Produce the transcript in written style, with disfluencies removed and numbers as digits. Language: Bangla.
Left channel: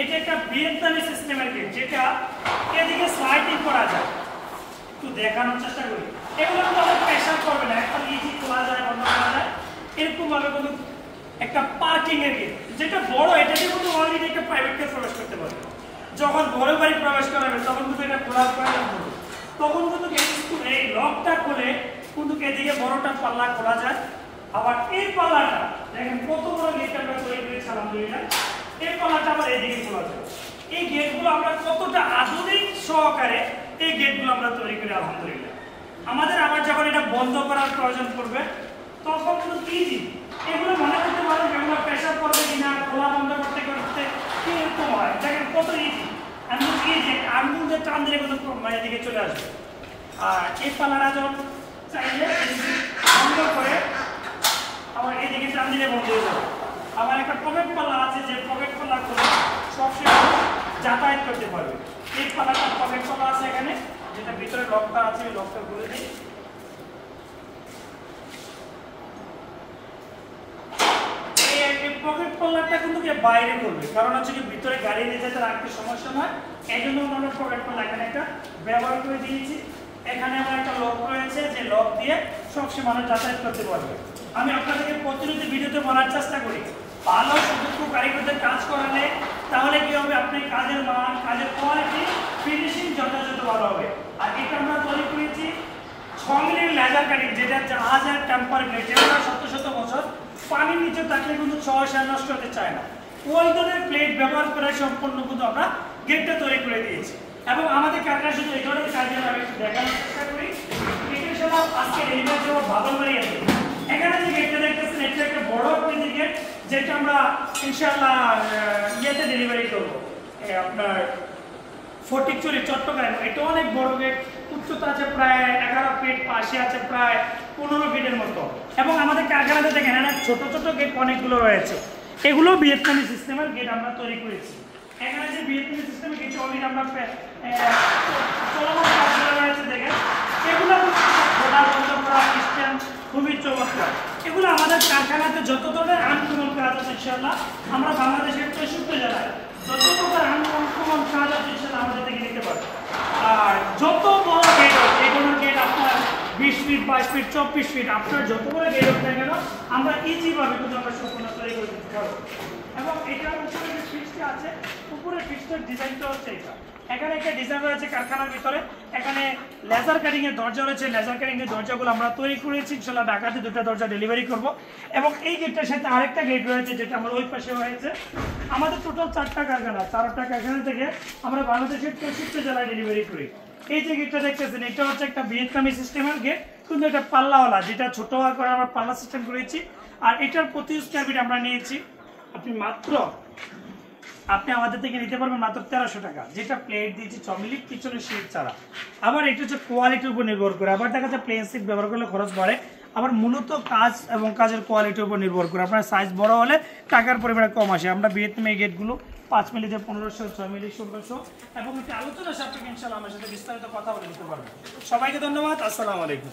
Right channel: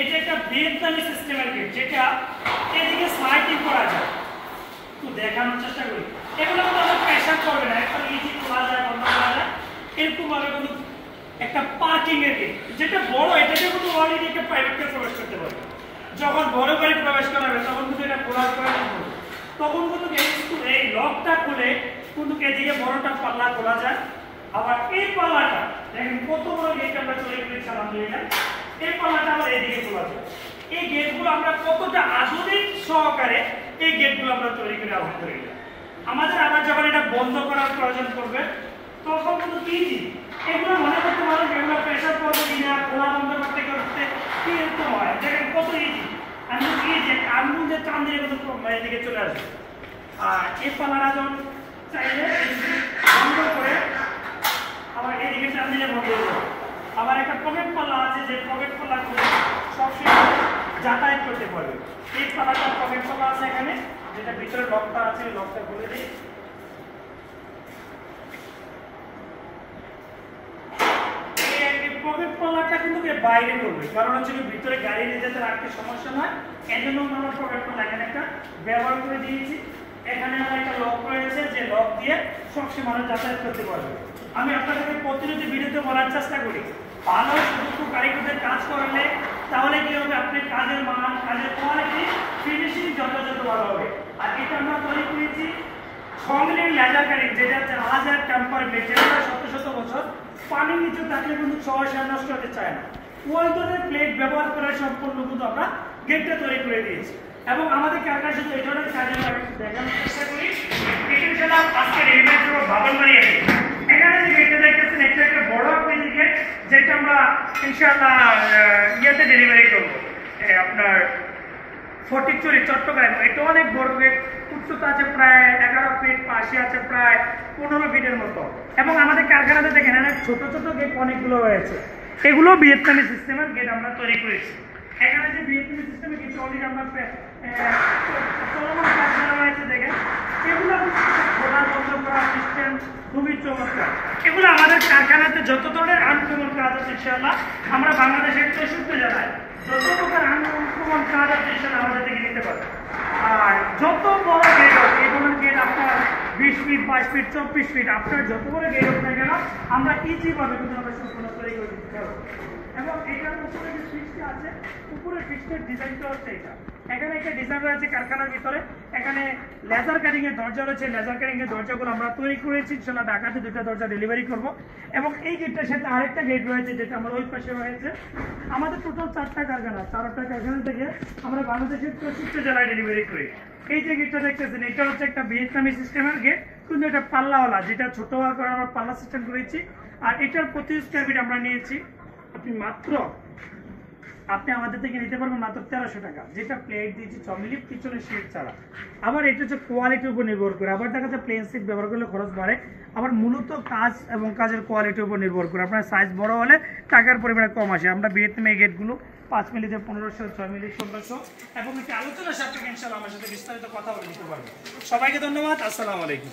এটা একটা ভিয়েতনামি সিস্টেমের গেট, যেটা এদিকে স্লাইডিং করা যায়। একটু দেখানোর চেষ্টা করি। এগুলো কিন্তু আমরা প্রেশার করবে না, একবার ইজি খোলা যায়, বন্ধ করা যায়। এরকম ভাবে কোনো একটা পার্কিং এর গেট, যেটা বড়, এটাতে কিন্তু অলরেডি একটা প্রাইভেট কার প্রবেশ করতে পারবে। যখন বড় বাড়ি প্রবেশ করাবে তখন কিন্তু এটা খোলার প্রয়োজন পড়বে। তখন কিন্তু এই লকটা খুলে কিন্তু এদিকে বড়টা পাল্লা খোলা যায়। আবার এই পাল্লাটা দেখেন কত বড় গেট আমরা তৈরি করেছি আলহামদুলিল্লাহ। এই পাল্লাটা আবার এদিকে খোলা যায়। এই গেটগুলো আমরা কতটা আধুনিক সহকারে এই গেটগুলো আমরা তৈরি করি আলহামদুলিল্লাহ। আমাদের আবার যখন এটা বন্ধ করার প্রয়োজন পড়বে তখন কিন্তু ইজি। এগুলো মনে করতে পারো এগুলো প্রেশার করবে কিনা, খোলা বন্ধ করতে করতে কি এরকম হয়, দেখেন কত ইজি। আমি কি যে আঙুল দিয়ে টান দিলে কিন্তু এদিকে চলে আসবে। আর এই পাল্লাটা যখন চাইলে বন্ধ করে আবার এদিকে টান দিলে বন্ধ হয়ে যাবে। আবার একটা পকেট পাল্লা আছে, যে পকেট পাল্লা করে সবসময় যাতায়াত করতে পারবে। এই পাল্লাটা পকেট পাল্লা আছে এখানে, যেটা ভিতরে লকটা আছে, লকটা খুলে দিই। এই পকেট পাল্লাটা কিন্তু বাইরে করবে, কারণ হচ্ছে কি ভিতরে গাড়ি নিয়ে যেতে রাখতে সমস্যা হয়। এই জন্য আমরা পকেট পাল্লা এখানে একটা ব্যবহার করে দিয়েছি। এখানে আমার একটা লক রয়েছে, যে লক দিয়ে সবসময় মানুষ যাতায়াত করতে পারবে। আমি আপনাদেরকে প্রতিনিয়ত ভিডিওতে বলার চেষ্টা করি, ভালো সুদক্ষ কারিগরদের কাজ করালে তাহলে কি হবে, আপনি কাজের মান, কাজের কোয়ালিটি, ফিনিশিং যথাযথ ভালো হবে। আর এটা আমরা তৈরি করেছি 6 মিলির লেজার কাটিং, যেটা জাহাজের টেম্পার গ্লেড, যেটা শত শত বছর পানির নিচে থাকলে কিন্তু সমস্যা নষ্ট হতে চায় না। ওই ধরনের প্লেট ব্যবহার করে সম্পূর্ণ কিন্তু আমরা গেটটা তৈরি করে দিয়েছি। এবং আমাদের কারখানা শুধু এই ধরনের কাজে আমি দেখানোর চেষ্টা করি। গেটের সাথে আজকে রেডিমেড যে বাবলবাড়ি আছে, এখানে যে গেটটা দেখতেছেন এটা একটা বড় আকৃতির গেট, যেটা আমরা ইনশাআল্লাহ ইয়েতে ডেলিভারি করবো, আপনার ফটিকছড়ি চট্টগ্রাম। এটা অনেক বড় গেট, উচ্চতা আছে প্রায় 11 ফিট, পাশে আছে প্রায় 15 ফিটের মতো। এবং আমাদের কারখানাতে দেখেন এখানে ছোট ছোট গেট অনেকগুলো রয়েছে, এগুলো ভিয়েতনামি সিস্টেমের গেট আমরা তৈরি করেছি। এখানে যে ভিয়েতনামি সিস্টেমের গেট অলরেডি আমরা চলমান কাজগুলো রয়েছে, দেখেন এগুলো খোলা বন্ধ করা সিস্টেম খুবই চমৎকার। এগুলো আমাদের কারখানাতে যত ধরনের আনকমন কাজ আছে ইনশাআল্লাহ আমরা বাংলাদেশের 64 জেলায় যত প্রকার আনকমন কাজ আছে সেটা আমাদের থেকে নিতে পারবে। আর যত বড় গেট হোক, এগুলো গেট আপনার 20 ফিট, 22 ফিট, 24 ফিট, আপনার যত বড় গেট হোক না কেন আমরা ইজিভাবে কিন্তু আমরা সম্পূর্ণ তৈরি করে দিতে পারবো। এবং এটার উপরে যে ফিক্সটা আছে, উপরে ফিক্সটার ডিজাইনটা হচ্ছে এটা। এখানে একটা ডিজাইন রয়েছে কারখানার ভিতরে, এখানে লেজার কাটিং এর দরজা রয়েছে। লেজার কাটিং এর দরজাগুলো আমরা তৈরি করেছি, ইনশাআল্লাহ ঢাকাতে 2টা দরজা ডেলিভারি করব। এবং এই গেটটার সাথে আরেকটা গেট রয়েছে, যেটা আমার ওই পাশে রয়েছে। আমাদের টোটাল 4টা কারখানা, 4টা কারখানা থেকে আমরা বাংলাদেশের 64 জেলায় ডেলিভারি করি। এই যে গেটটা দেখতেছেন, এটা হচ্ছে একটা ভিয়েতনামি সিস্টেমের গেট, কিন্তু এটা পাল্লাওয়ালা, যেটা ছোট হওয়ার পরে আমরা পাল্লা সিস্টেম করেছি। আর এটার প্রতি স্কয়ার ফিট আমরা নিয়েছি আপনি আমাদের থেকে নিতে পারবেন মাত্র 1300 টাকা, যেটা প্লেট দিয়েছি 6 মিলি, পিছনে শীট ছাড়া। আবার এটা হচ্ছে কোয়ালিটির উপর নির্ভর করে, আবার দেখা যাচ্ছে প্লেন সিট ব্যবহার করলে খরচ বাড়ে। আবার মূলত কাজ এবং কাজের কোয়ালিটির উপর নির্ভর করে, আপনার সাইজ বড় হলে টাকার পরিমাণে কম আসে। আমরা ভিয়েতনামি গেটগুলো 5 মিলিতে 1500, 6 মিলি 1600, এবং একটি আলোচনা সাপেক্ষে ইনশাআল্লাহ আমার সাথে বিস্তারিত কথা বলে দিতে পারবো। সবাইকে ধন্যবাদ, আসসালামু আলাইকুম।